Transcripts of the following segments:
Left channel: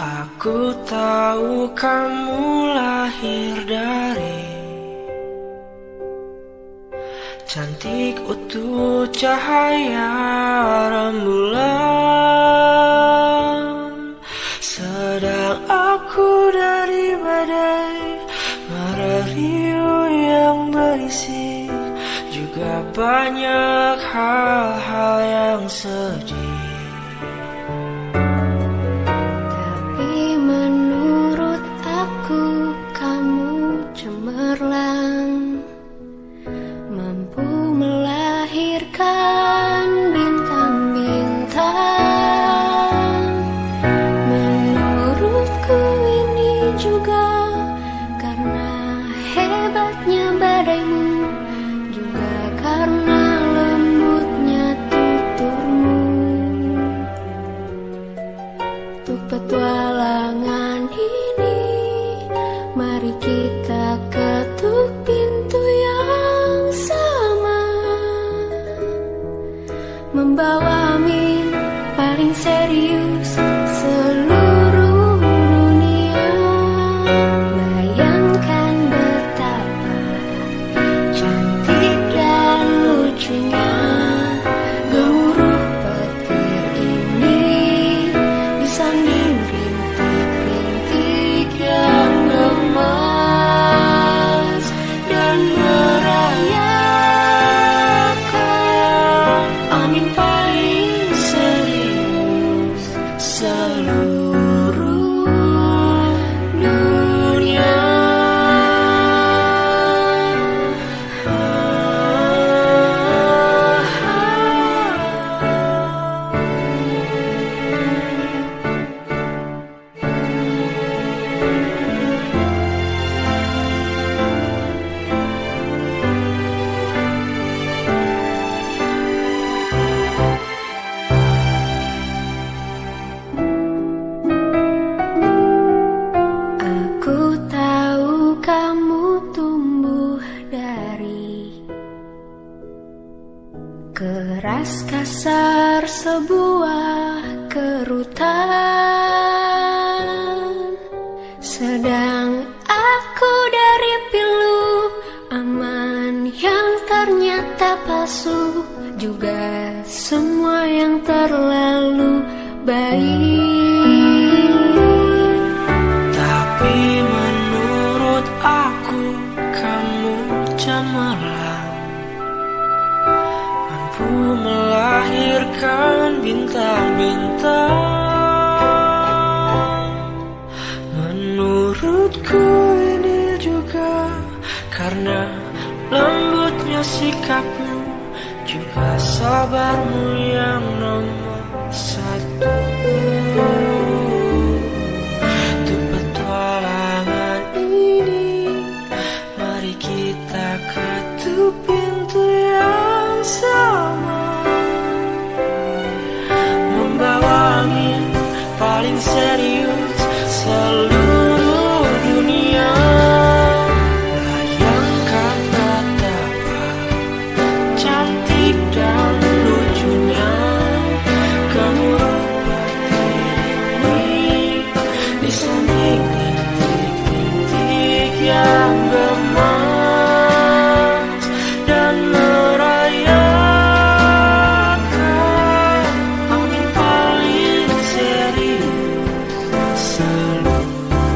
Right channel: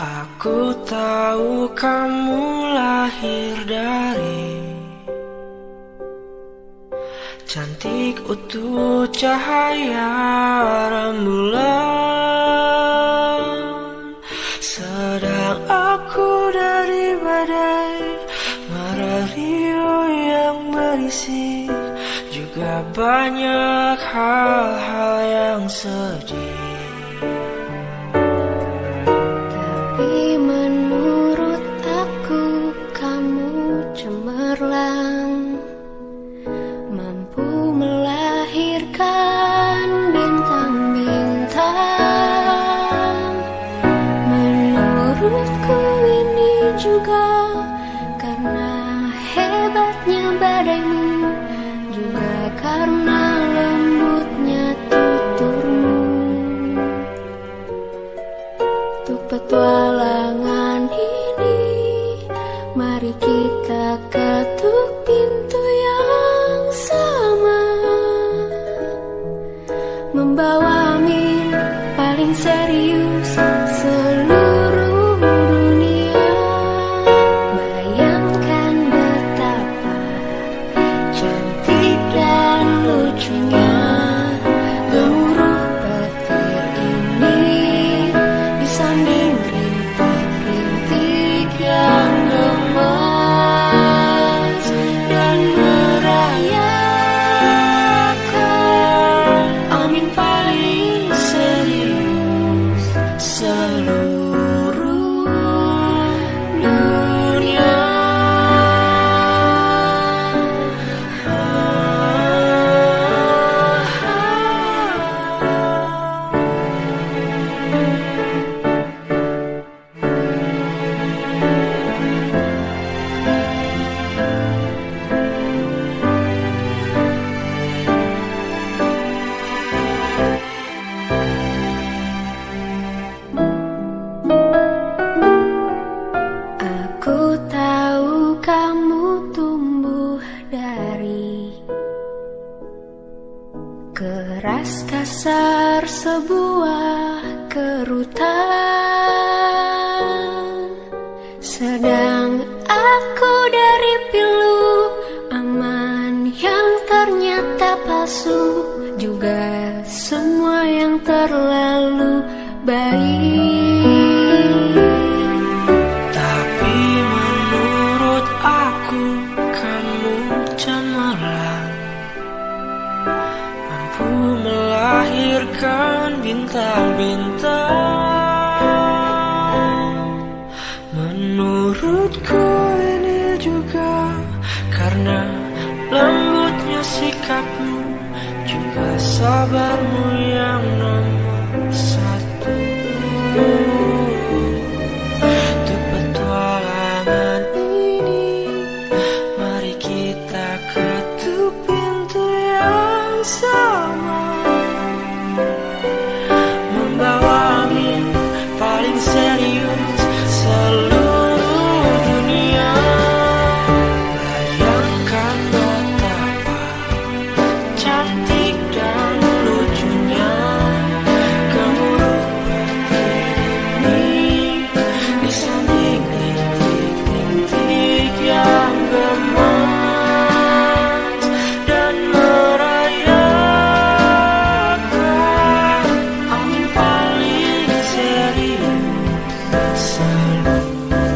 Aku tahu kamu lahir dari cantik utuh cahaya rembulan, sedang aku dari badai mara riuh yang berisik, juga banyak hal-hal yang sedih. Tapi menurut aku kamu cemerlang, mampu melahirkan bintang-bintang. Menurutku ini juga karena hebatnya badaimu, juga karena lembutnya tuturmu. Untuk petualangan ini, mari kita ketuk pintu yang sama, membawa mimpi paling serius seluruh dunia. Bayangkan betapa cantik dan lucunya gemuruh petir ini disanding rintik-rintik yang gemas dan merayakan amin paling serius seluruh dunia. Aku tahu kamu tumbuh dari keras kasar sebuah kerutan, sedang aku dari pilu aman yang ternyata palsu, juga semua yang terlalu baik. Tapi menurut aku kamu cemerlang, mampu melahirkan bintang-bintang. Menurutku ini juga karena lembutnya sikapmu, juga sabarmu yang nomor satu. Untuk petualangan ini, mari kita ketuk pintu yang sama, membawa mimpi paling serius seluruh dunia. Bayangkan betapa cantik dan lucunya gemuruh petir ini disanding rintik-rintik yang gemas dan merayakan amin paling serius seluruh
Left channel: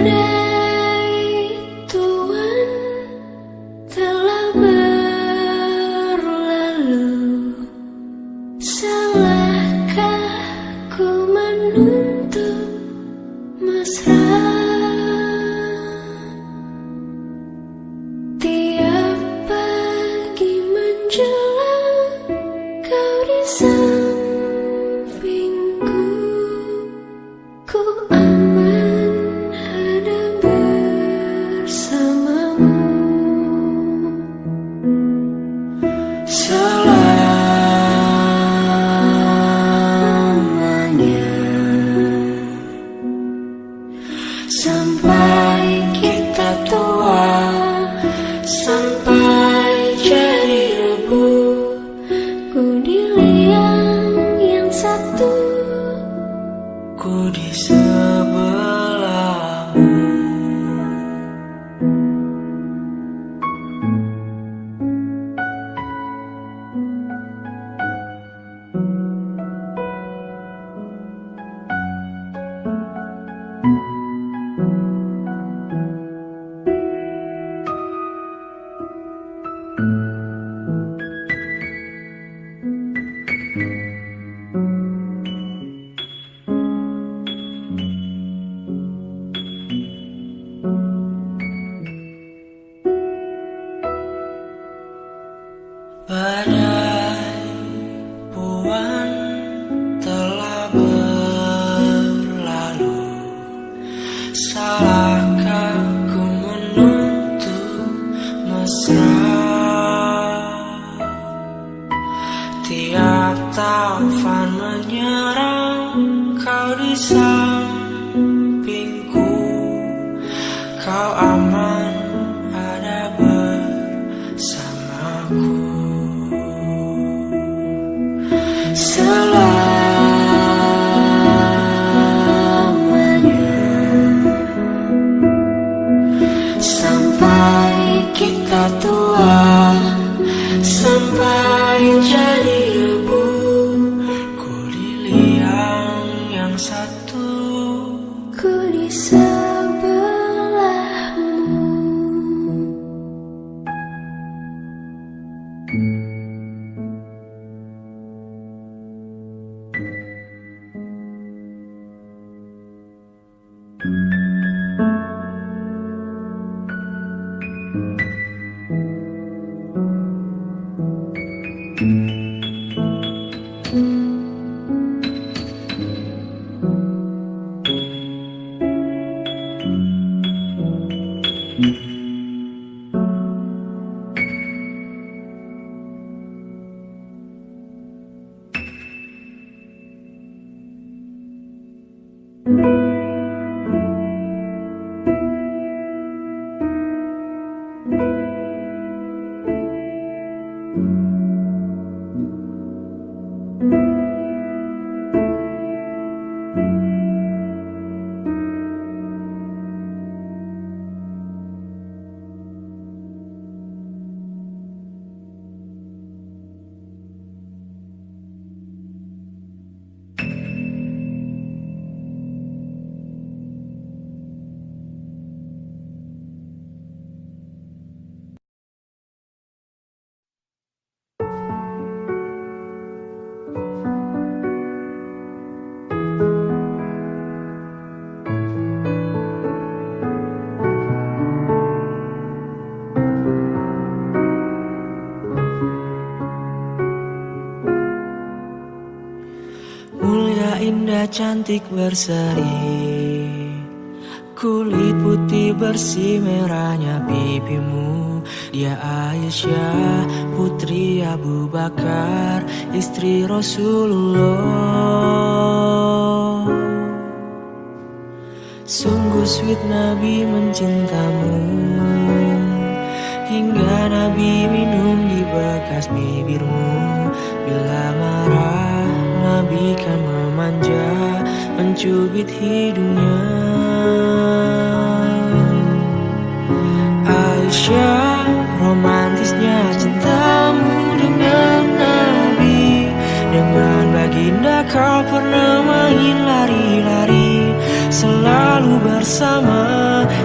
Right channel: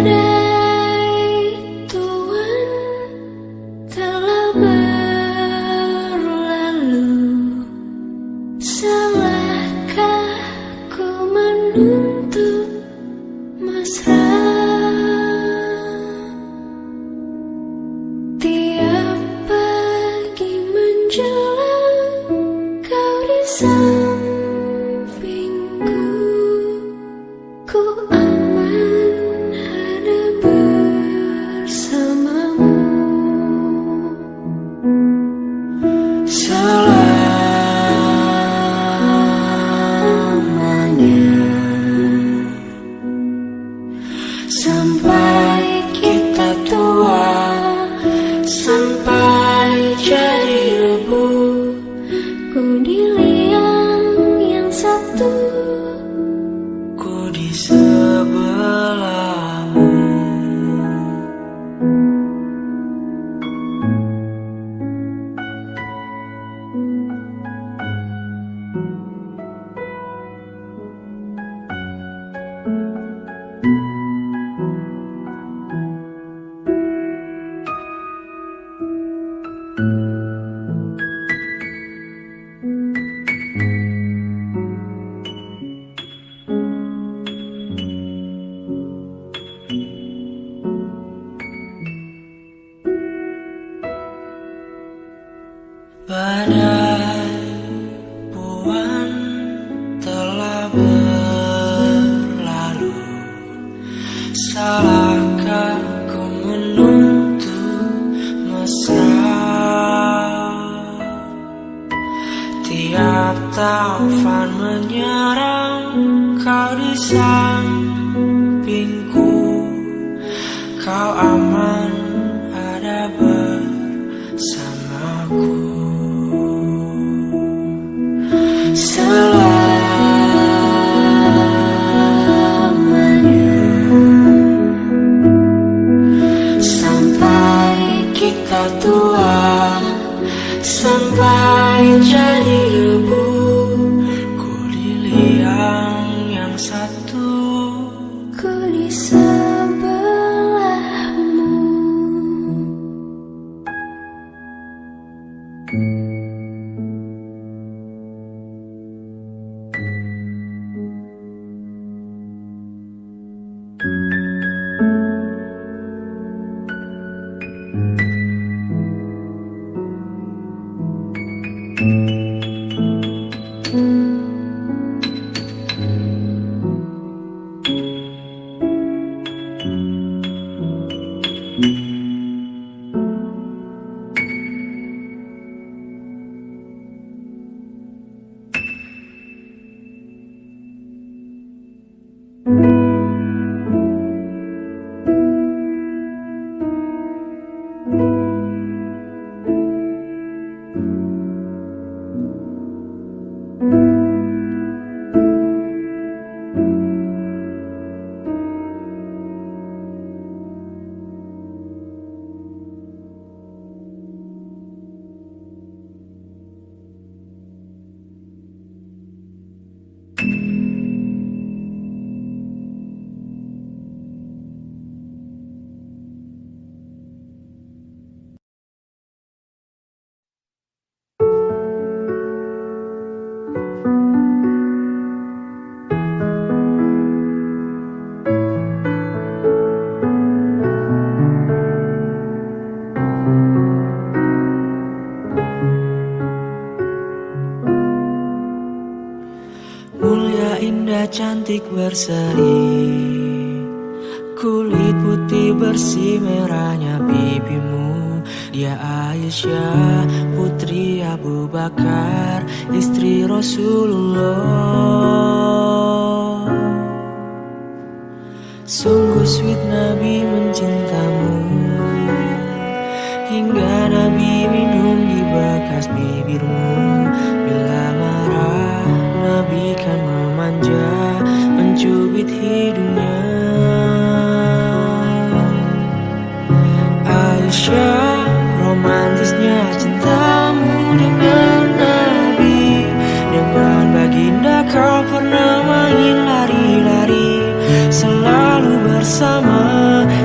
badai tuan telah berlalu. Salahkah ku menuntut mesra? Tiap pagi menjelang kau di sampingku, ku aman ada bersamamu. Selamanya sampai kita tua, sampai jadi debu. Ku di liang yang satu, Ku di sebelahmu. Badai puan telah berlalu. Salahkah ku menuntut mesra? Tiap taufan menyerang, kau di sampingku, kau aman ada bersamaku. Selamanya sampai kita tua, sampai jadi debu. Ku di liang yang satu, ku di sebelahmu. Mulia, indah, cantik, berseri, kulit putih bersih, merahnya pipimu. Dia Aisyah, putri Abu Bakar, istri Rasulullah. Sungguh sweet Nabi mencintamu, hingga Nabi minum di bekas bibirmu. Bila marah Nabi kan memanja, mencubit hidungnya. Aisyah, romantisnya cintamu dengan Nabi. Dengan baginda kau pernah main lari-lari, selalu bersama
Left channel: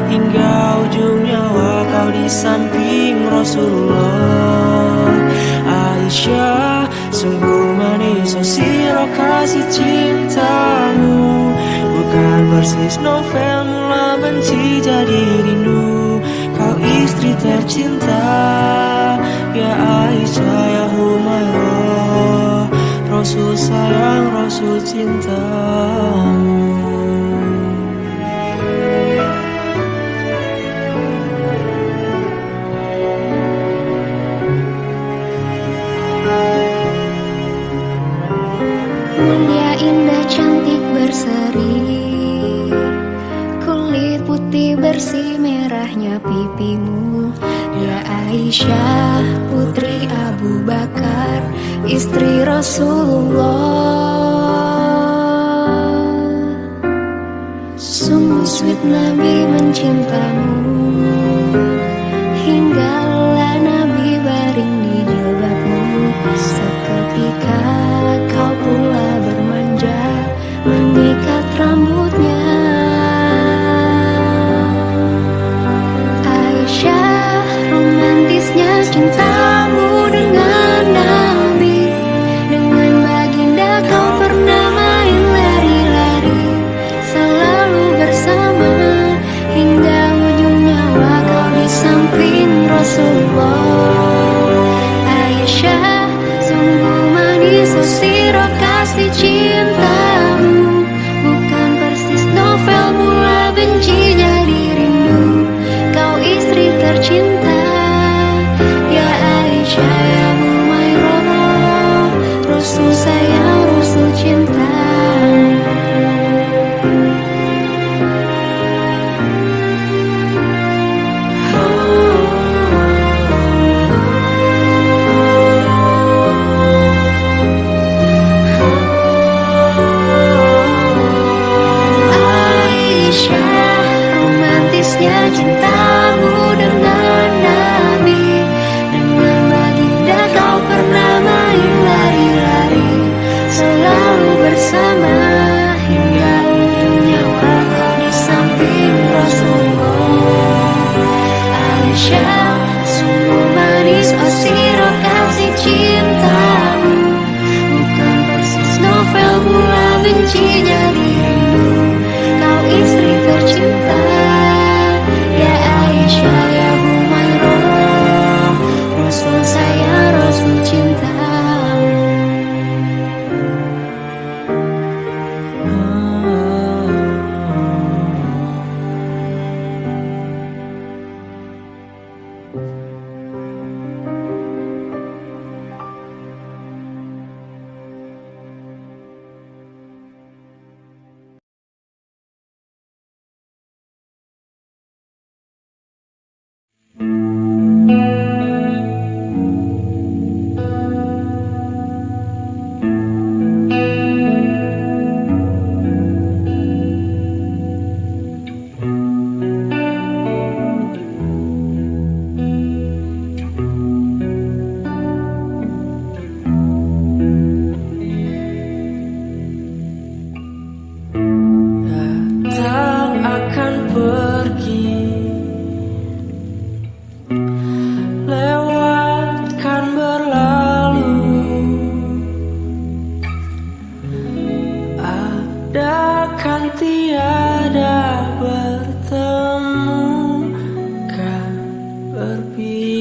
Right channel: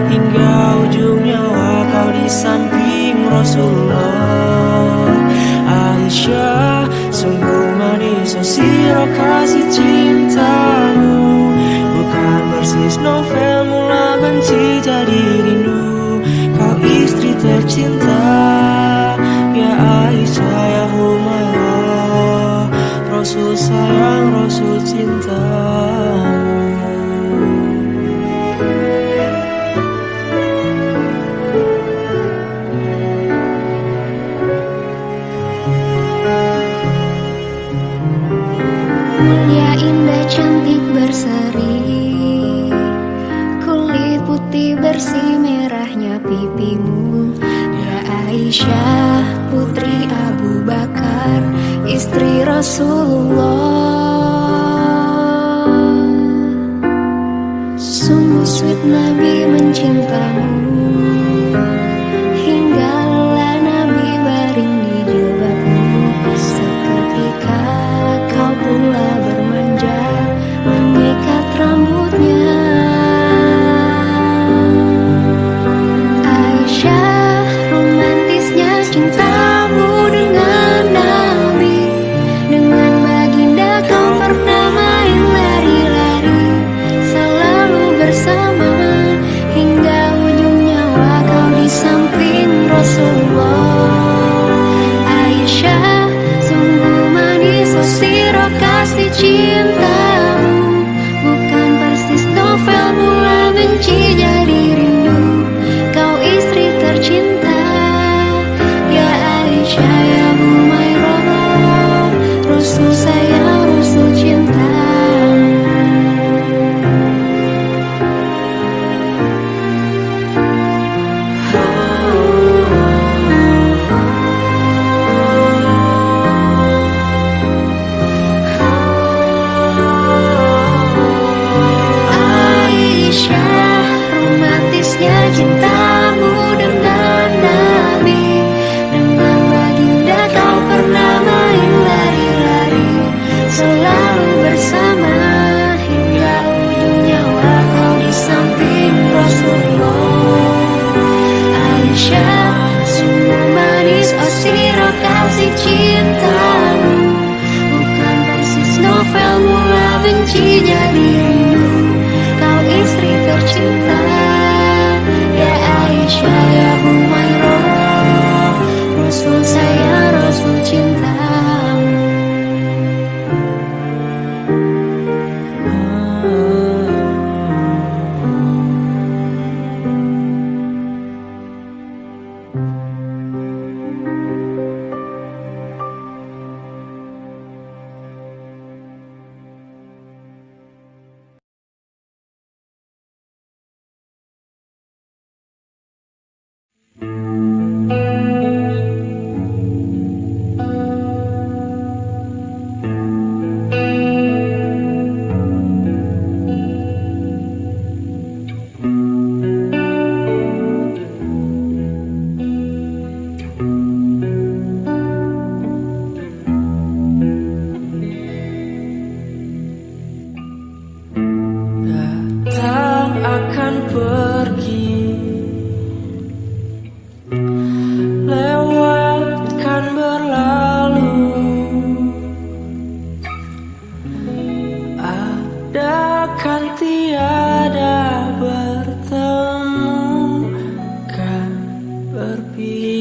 hingga ujung nyawa kau di samping Rasulullah. Aisyah, sungguh manis oh sirah kasih cintamu, bukan persis novel mula benci jadi rindu. Kau istri tercinta, ya Aisyah ya Humairah, Rasul sayang, Rasul cintamu. Mulia, indah, cantik, berseri, kulit putih bersih, merahnya pipimu. Ya Aisyah, putri Abu Bakar, istri Rasulullah. Sungguh sweet Nabi mencintamu, hingga lelah Nabi baring di jilbabmu. Seketika kau pula bermanja, mengikat rambutnya. Aisyah, romantisnya cintamu dengan Nabi, dengan baginda kau pernah main lari-lari, selalu bersama hingga ujung nyawa kau di samping Rasulullah. Aisyah, sungguh manis oh sirah kasih cintamu, bukan persis novel mula benci jadi rindu. Kau istri tercinta, ya Aisyah ya Humairah, Rasul sayang, Rasul cintamu. Romantisnya cintamu dengan Nabi, dengan baginda kau pernah main lari-lari, selalu bersama hingga ujung nyawa kau di samping Rasulullah. Aisyah, sungguh manis oh sirah kasih cintamu, bukan persis novel mula benci jadi rindu. Kau istri tercinta, ya Aisyah ya Humairah, Rasul sayang, Rasul cintamu. Akan pergi, lewatkan berlalu, ada kan tiada bertemu, kan berpisah.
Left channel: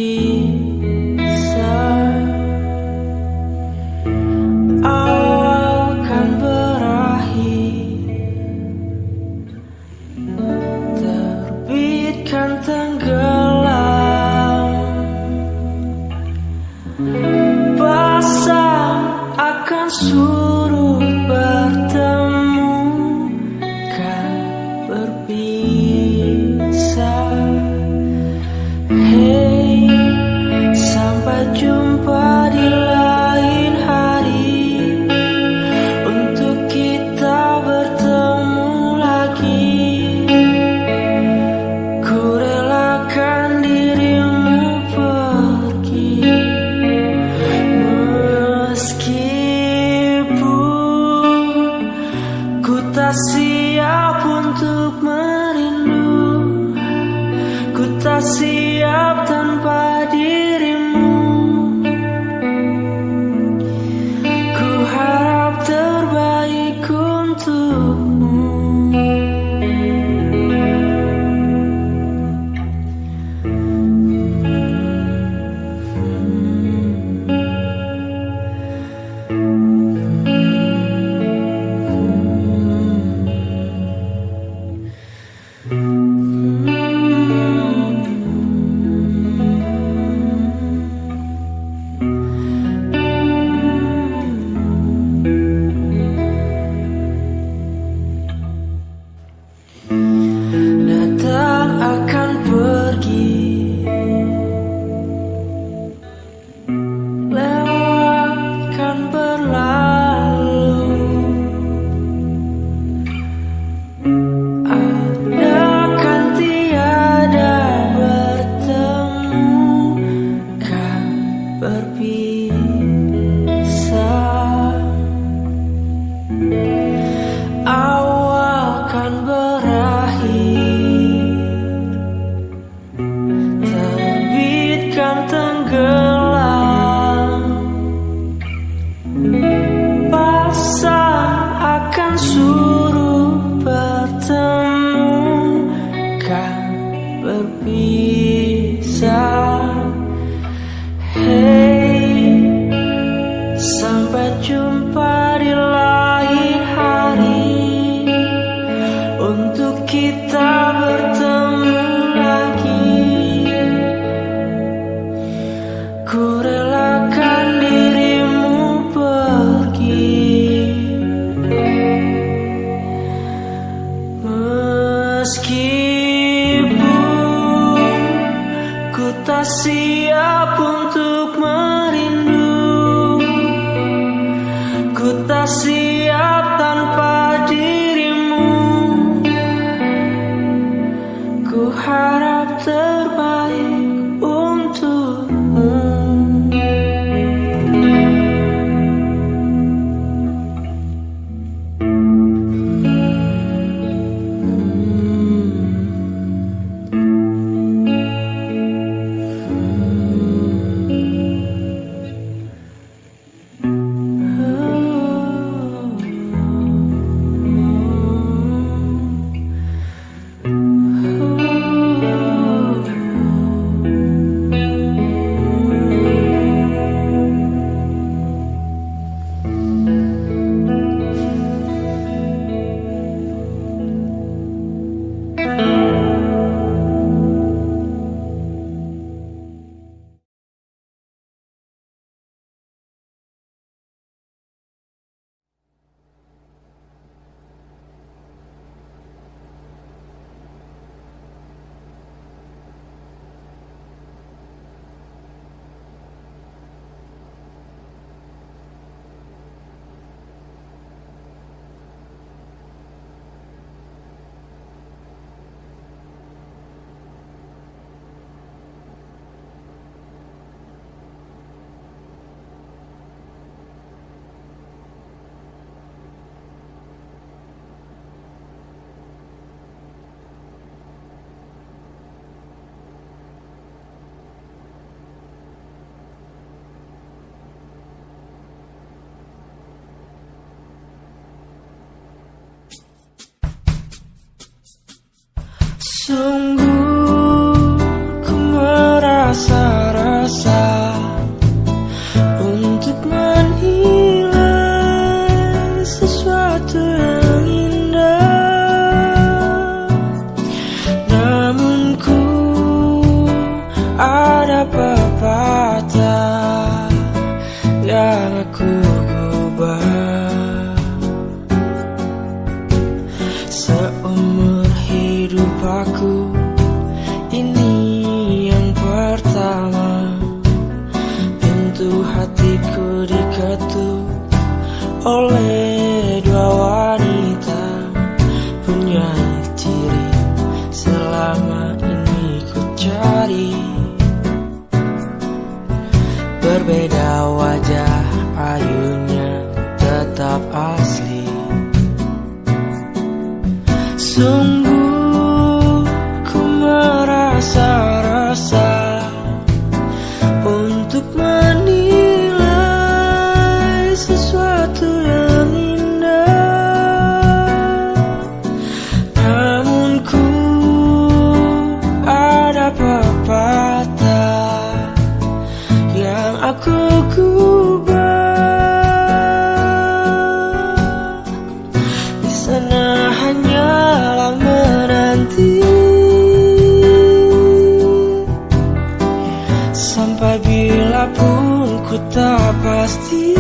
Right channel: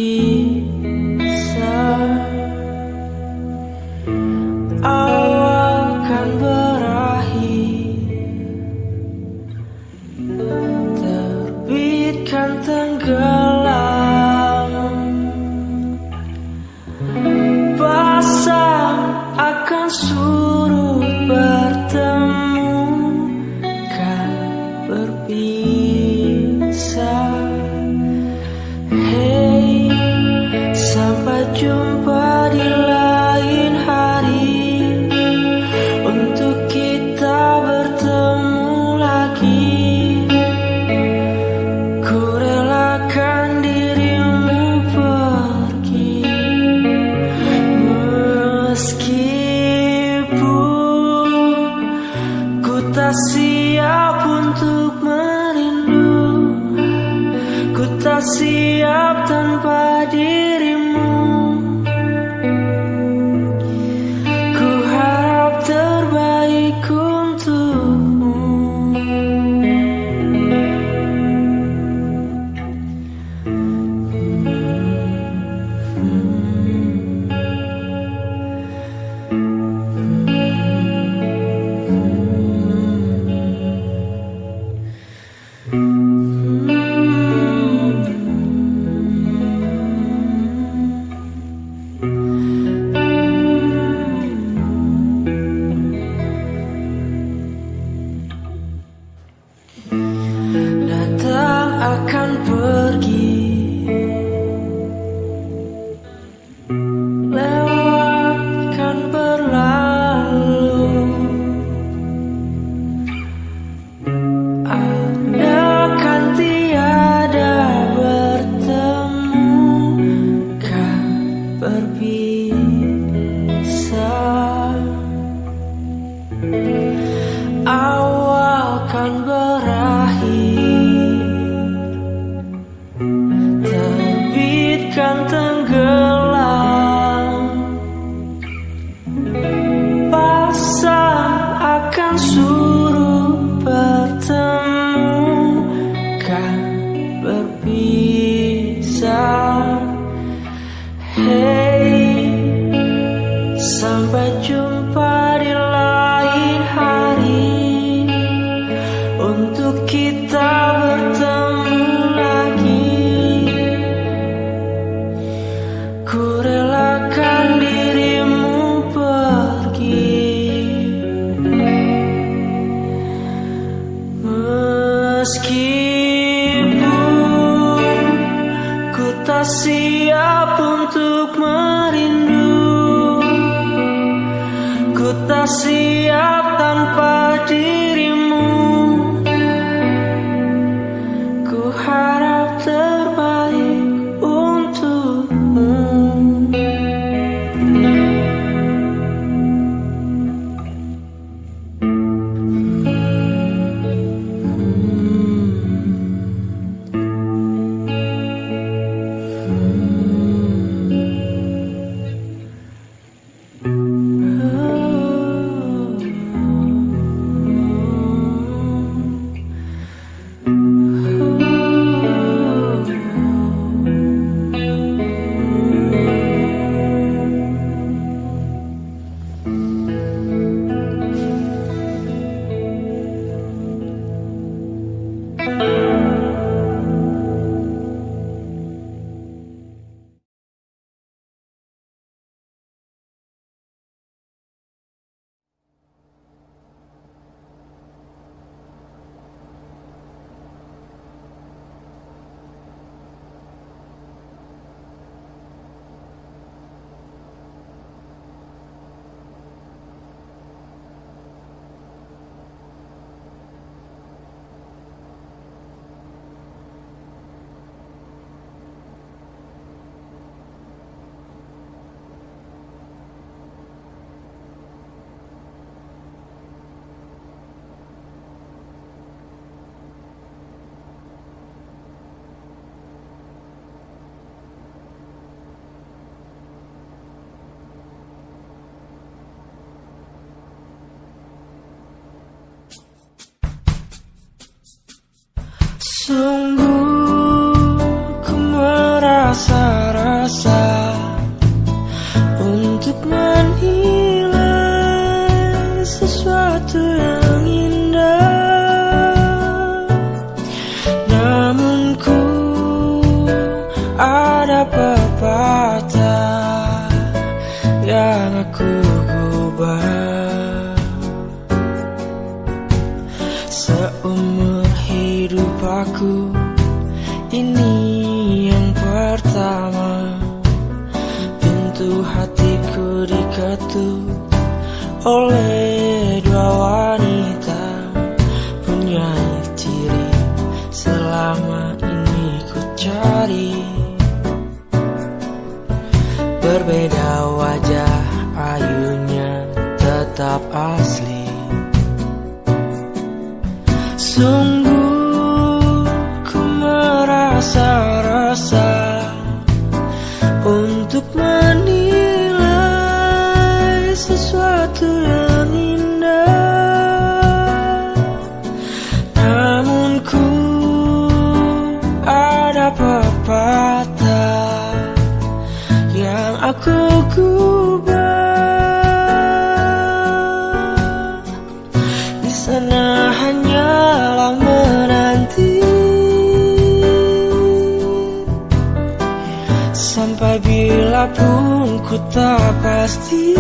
Awal kan berakhir, terbitkan tenggelam, pasang akan surut bertemu, kan berpisah. Hey, sampai jumpa di lain hari, untuk kita bertemu lagi. Ku relakan dirimu pergi, meskipun ku tak siap siap untuk merindu, ku tak siap tanpa dirimu. Ku harap terbaik untukmu. Datang akan pergi, lewat kan berlalu. Ada kan tiada bertemu, kan berpisah. Awal kan berakhir, terbit kan tenggelam. Pasang akan suruh bertemu, kan berpisah. Hey, sampai jumpa di lain hari, untuk kita bertemu lagi. Ku relakan dirimu pergi, meskipun ku tak siap untuk merindu, ku tak siap tanpa dirimu. Ku harap terbaik untukmu. Sungguh ku merasa-rasa untuk menilai sesuatu yang indah, namun ku ada pepatah yang aku gubah. Seumur hidup aku, ini yang pertama. Pintu hatiku diketuk oleh dua wanita, punya ciri selama ini ku cari. Berbeda wajah, ayunya tetap asli. Sungguh ku merasa resah untuk menilai sesuatu yang indah. Namun ku ada pepatah yang aku gubah. Di sana hanyalah menanti sampai bila pun ku tak pasti.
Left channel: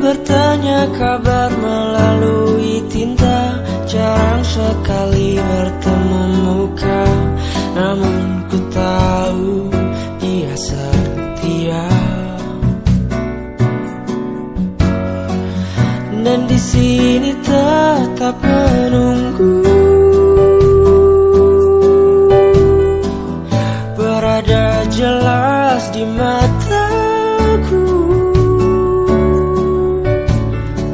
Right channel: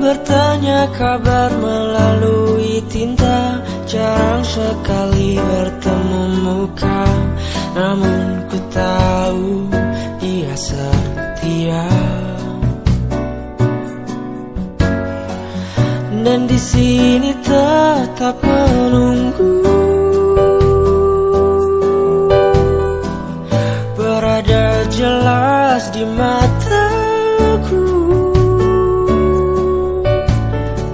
Bertanya kabar melalui tinta, jarang sekali bertemu muka. Namun ku tahu dia setia, dan di sini tetap menunggu. Berada jelas di mataku,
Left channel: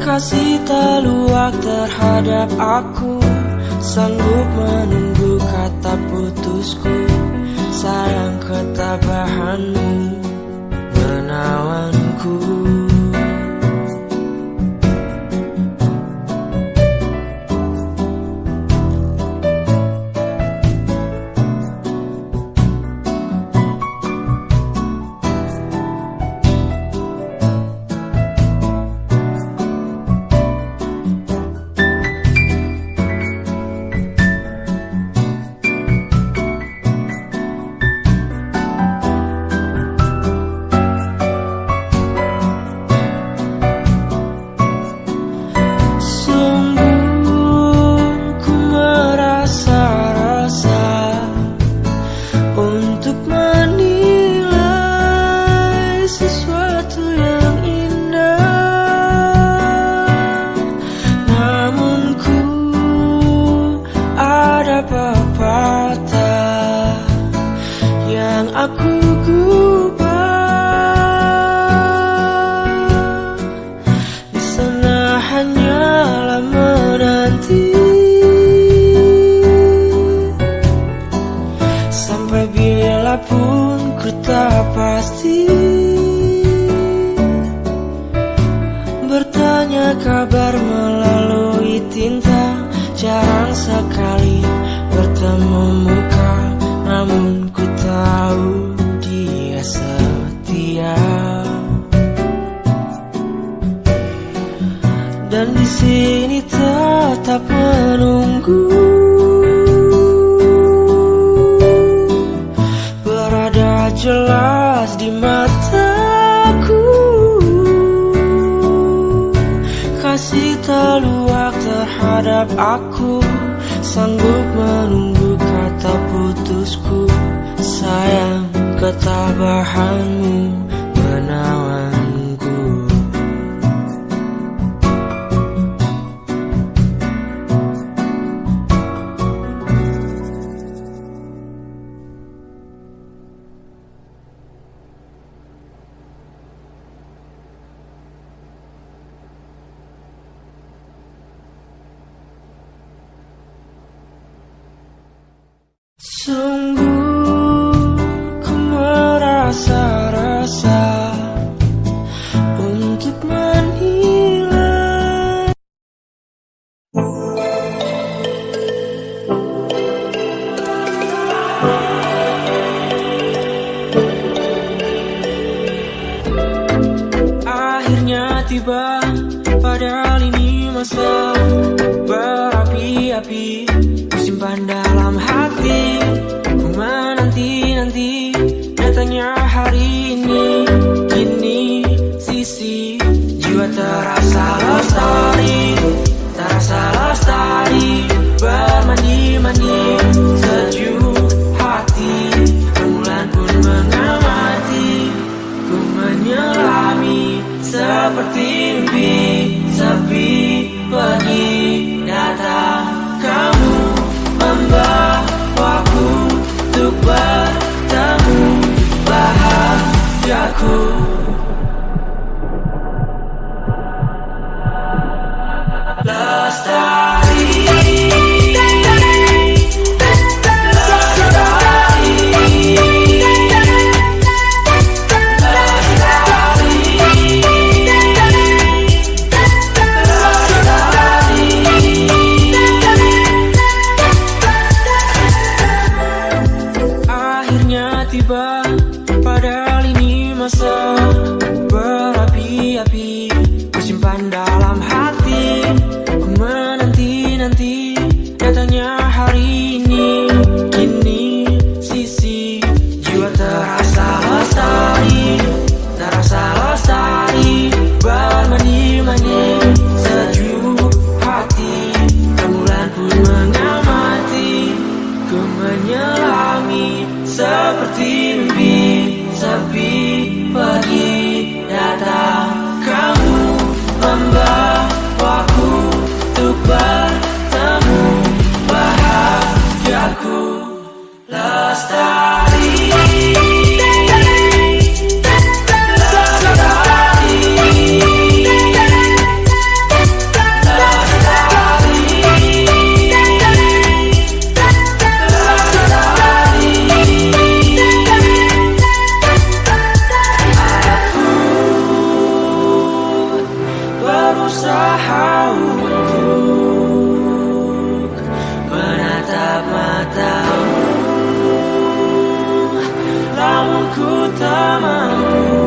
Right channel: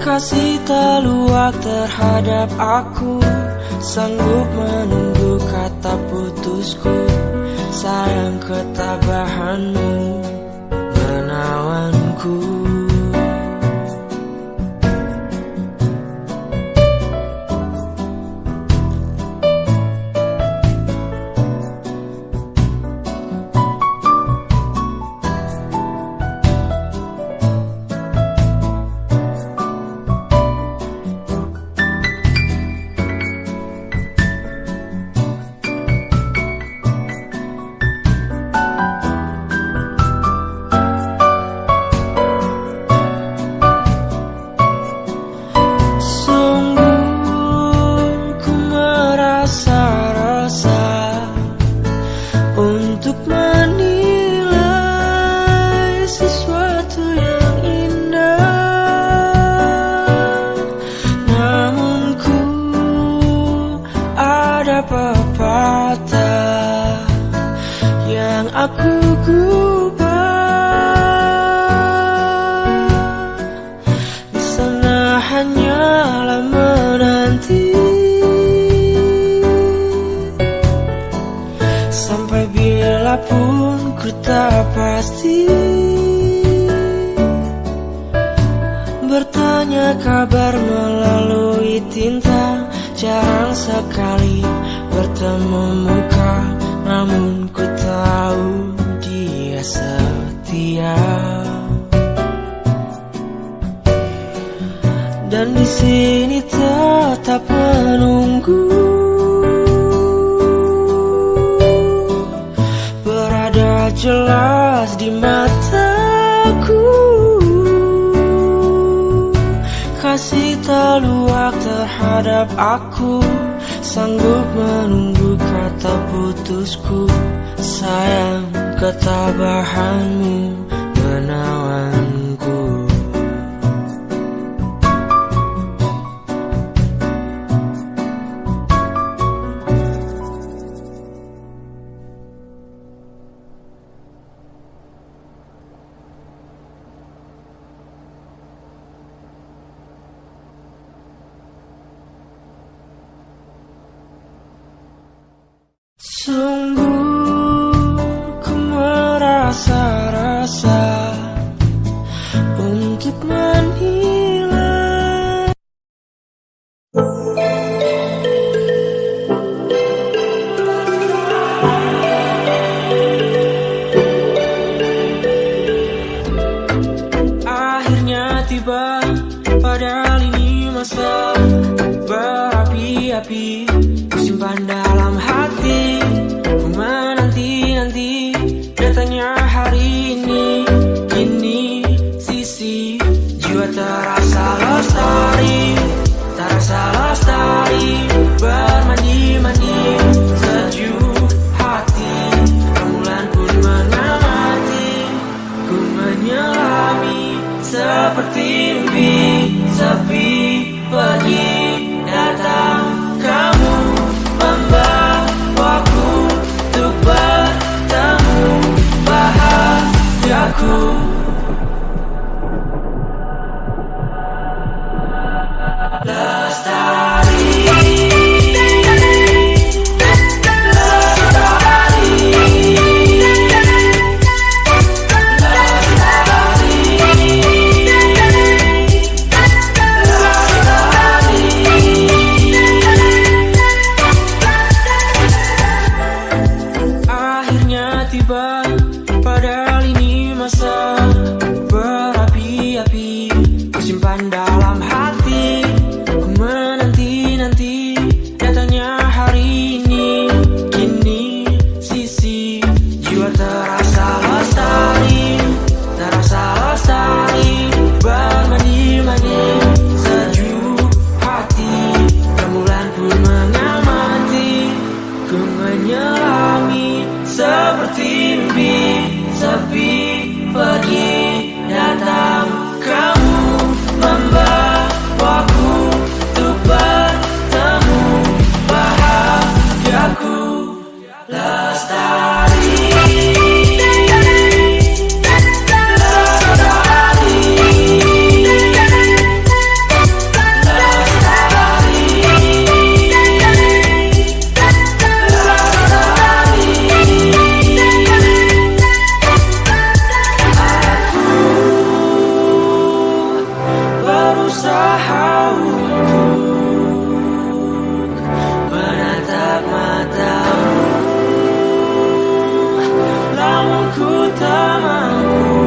kasih tak luak terhadap aku. Sanggup menunggu kata putusku. Sayang ketabahanmu menawanku. Untuk menilai sesuatu yang indah. Namun ku ada pepatah yang aku gubah. Di sana hanyalah menanti sampai bila pun ku tak pasti. Bertanya kabar melalui tinta, jarang sekali bertemu muka. Namun ku tahu dia setia, dan di sini tetap menunggu. Berada jelas di mataku, kasih tak luak terhadap aku. Sanggup menunggu kata putusku. Sayang ketabahanmu menawanku. Sungguh ku merasa resah untuk menilai. Akhirnya tiba, padahal ini masa berapi-api simpan dalam hati. Ku menanti-nanti datangnya hari ini. Kini sisi jiwa terasa lestari, terasa lestari. Bermandi-mandi sejuk hati, rembulan pun mengamati. Ku menyelami seperti mimpi, sepi pergi datang. Kamu membawaku untuk bertemu bahagiaku. kusimpan dalam hati. Ku menanti-nanti datangnya hari ini. Kini sisi jiwa terasa lestari, terasa lestari, bermandi-mandi sejuk hati. Rembulan pun mengamati, ku menyelami seperti mimpi. Sepi pergi datang, kamu membawaku untuk bertemu. Bahagiaku lestari. Berusaha untuk menatap matamu, namun ku tak mampu.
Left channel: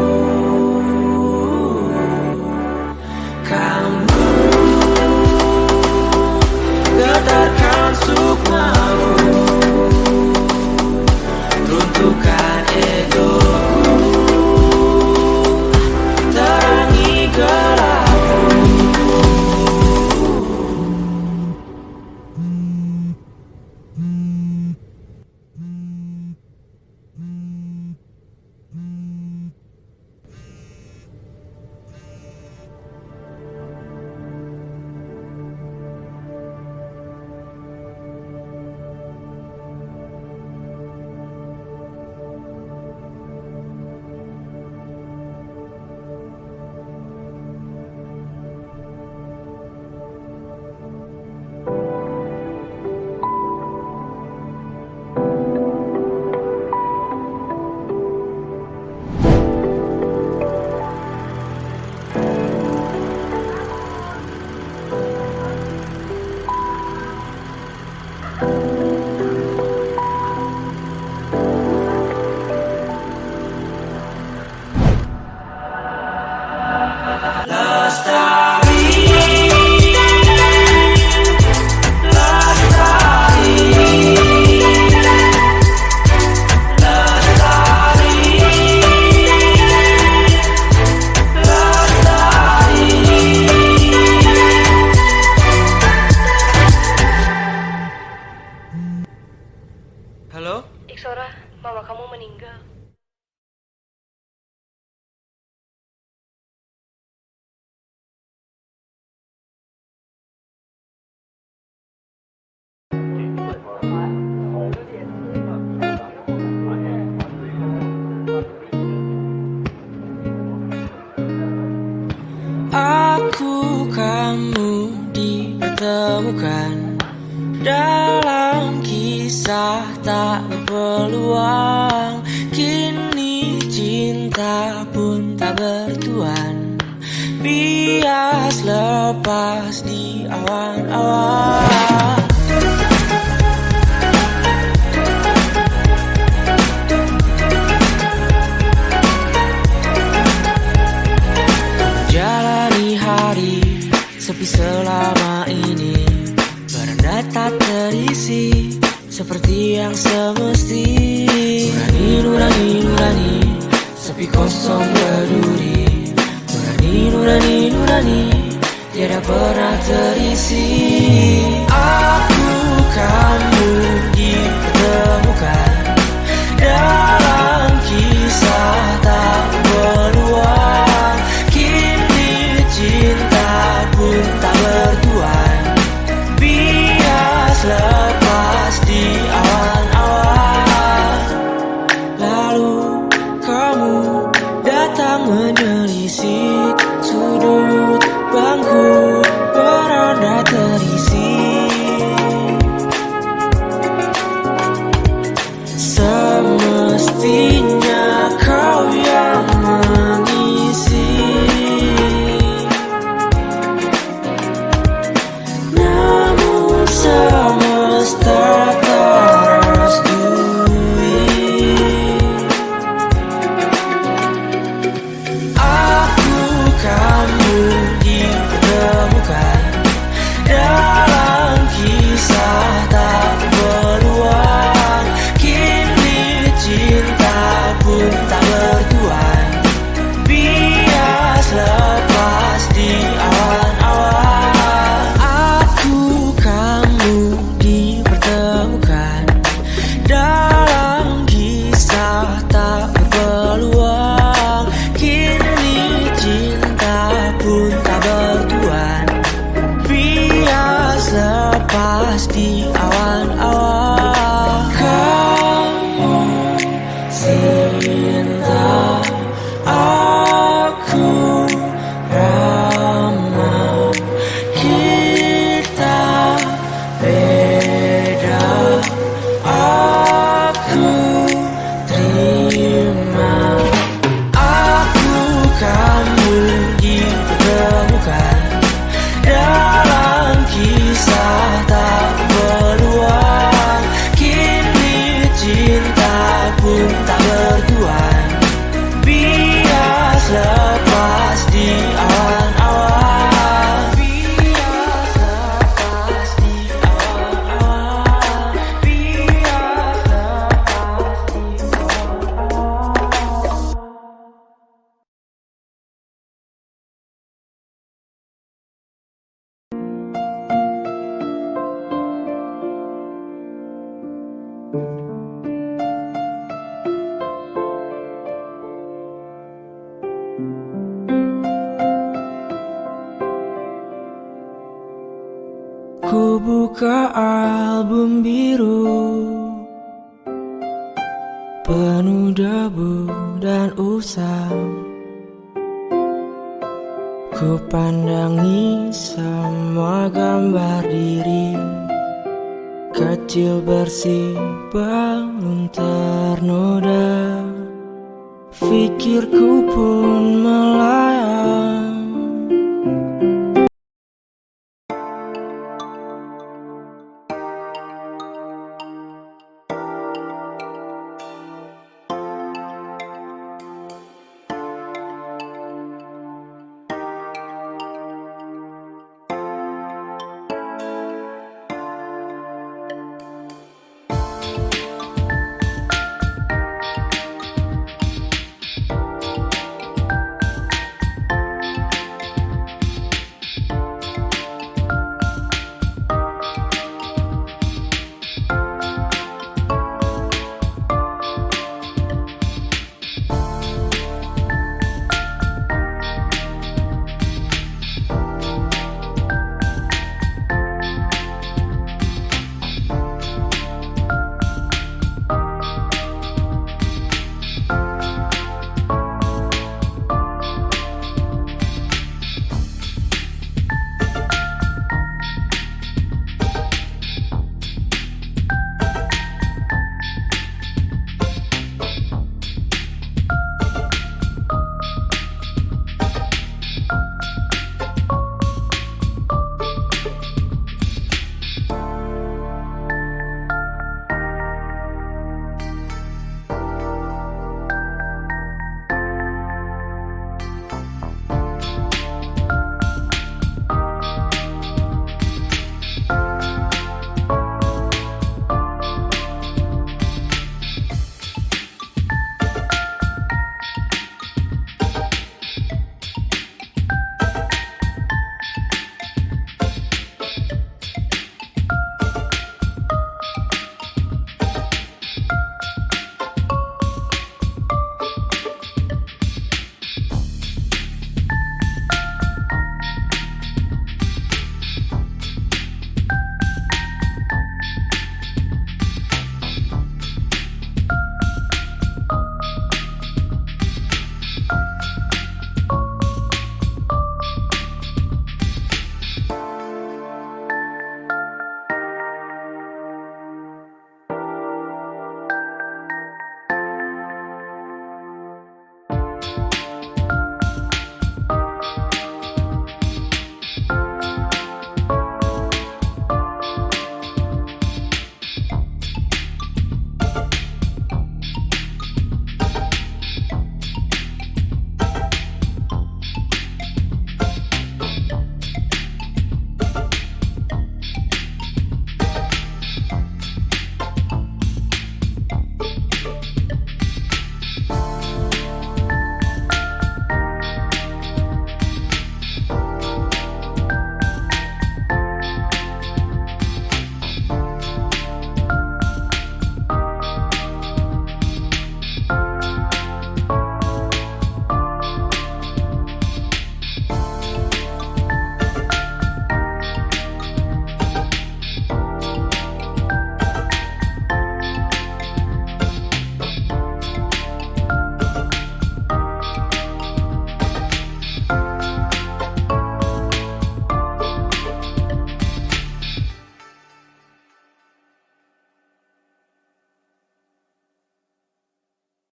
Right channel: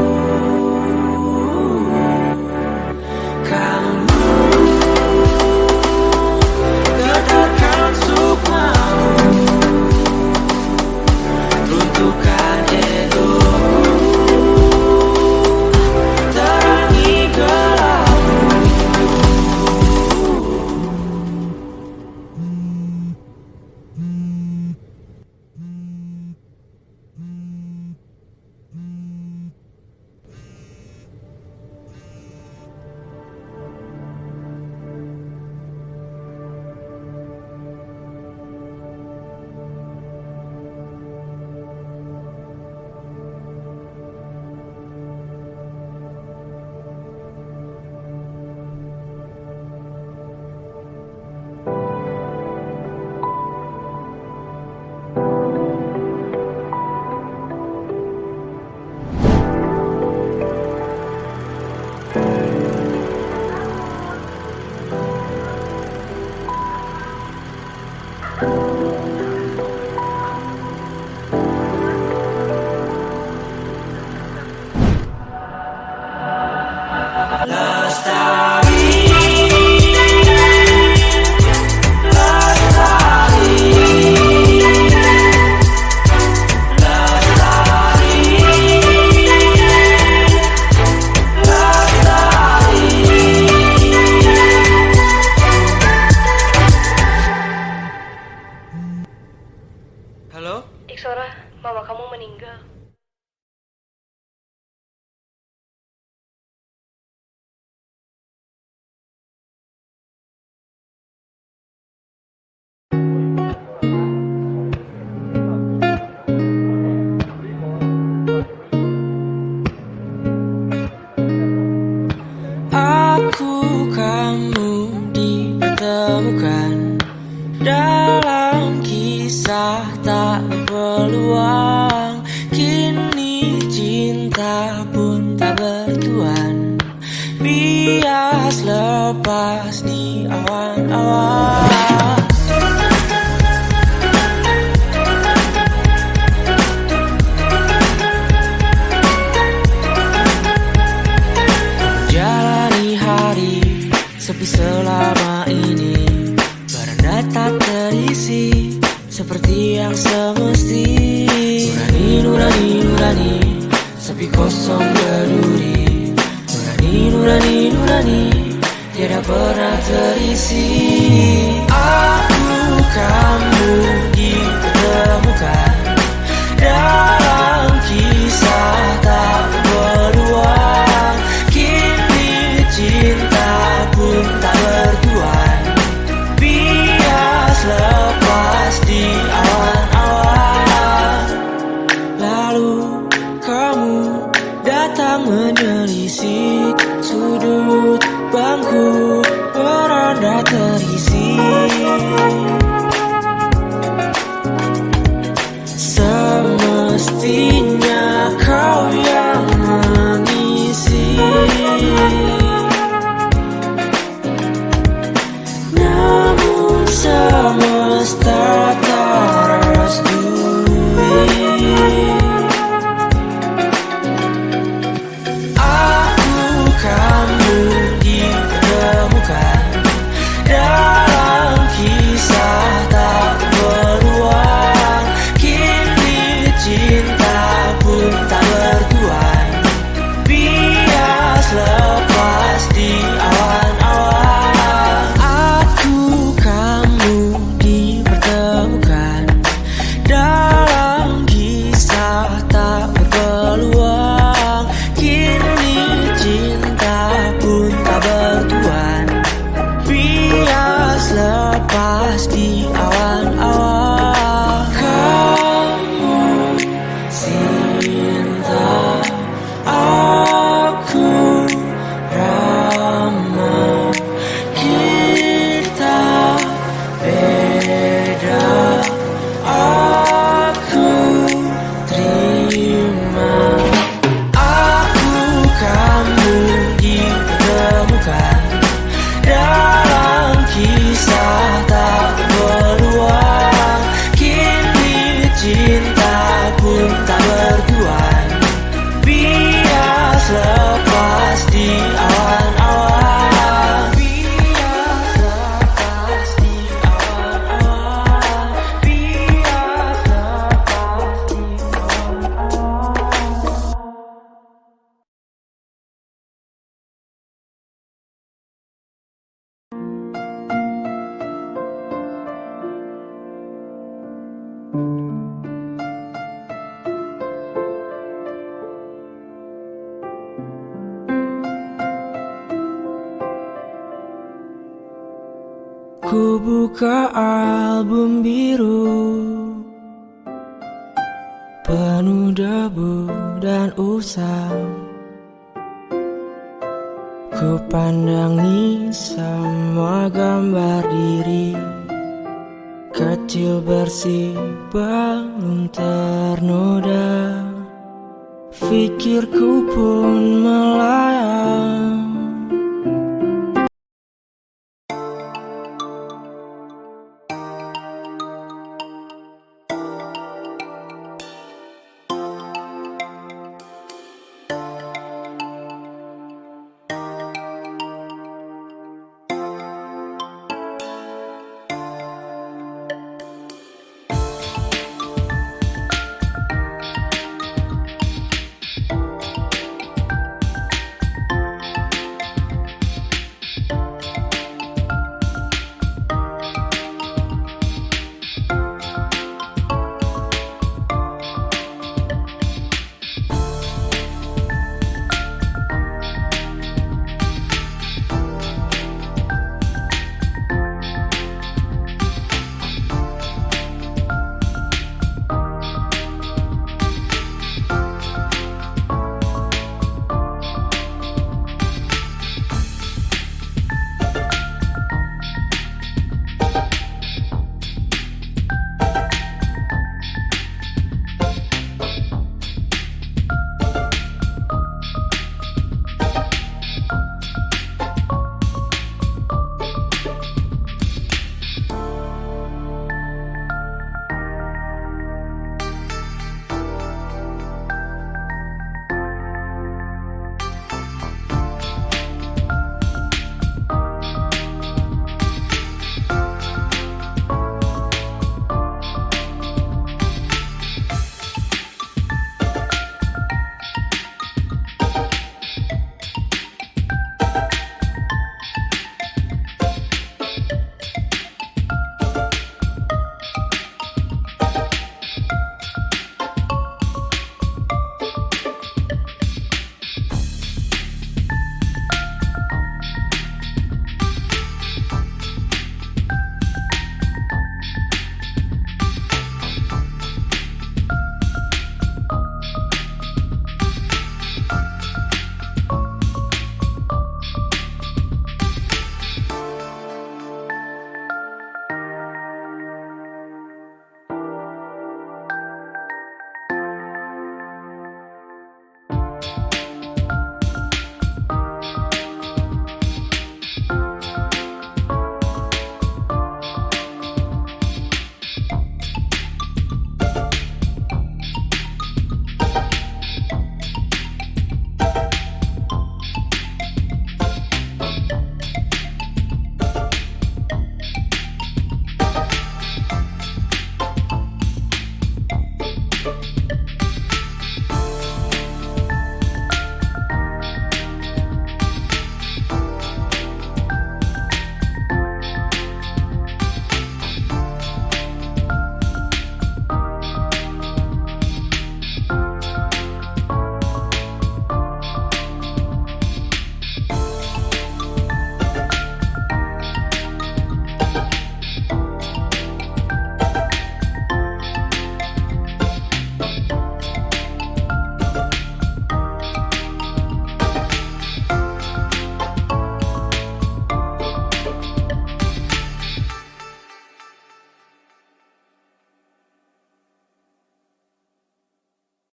Kamu getarkan sukmamu, runtuhkan egoku, terangi gelap. Halo? Iksora, mama kamu meninggal. Aku kamu dipertemukan dalam kisah tak berpeluang. Kini cinta pun tak bertuan, bias lepas di awan-awan. Jalani hari sepi selama ini, baranda tak terisi seperti yang semesti. Nurani, nurani, nurani, sepi kosong berduri. Nurani, nurani, nurani, tiada pernah terisi. Aku kamu dipertemukan dalam kisah tak berpeluang. Kini cinta pun tak bertuan, bias lepas di awan-awan. Lalu kamu datang menyelisih sudut bangku, beranda terisi. Semesta awan-awan. Aku kamu dipertemukan dalam kisah tak berpeluang. Kini cinta pun tak bertuan, bias lepas di awan-awan. Kamu cinta, aku ramah. Kita beda, aku terima. Aku kamu dipertemukan dalam kisah tak berpeluang. Kini cinta pun tak bertuan, bias lepas di awan-awan. Bias lepas di awan-awan. Bias lepas di awan-awan. Ku buka album biru penuh debu dan usang. Ku pandangi semua gambar diri kecil bersih belum ternoda. Pikirku pun melayang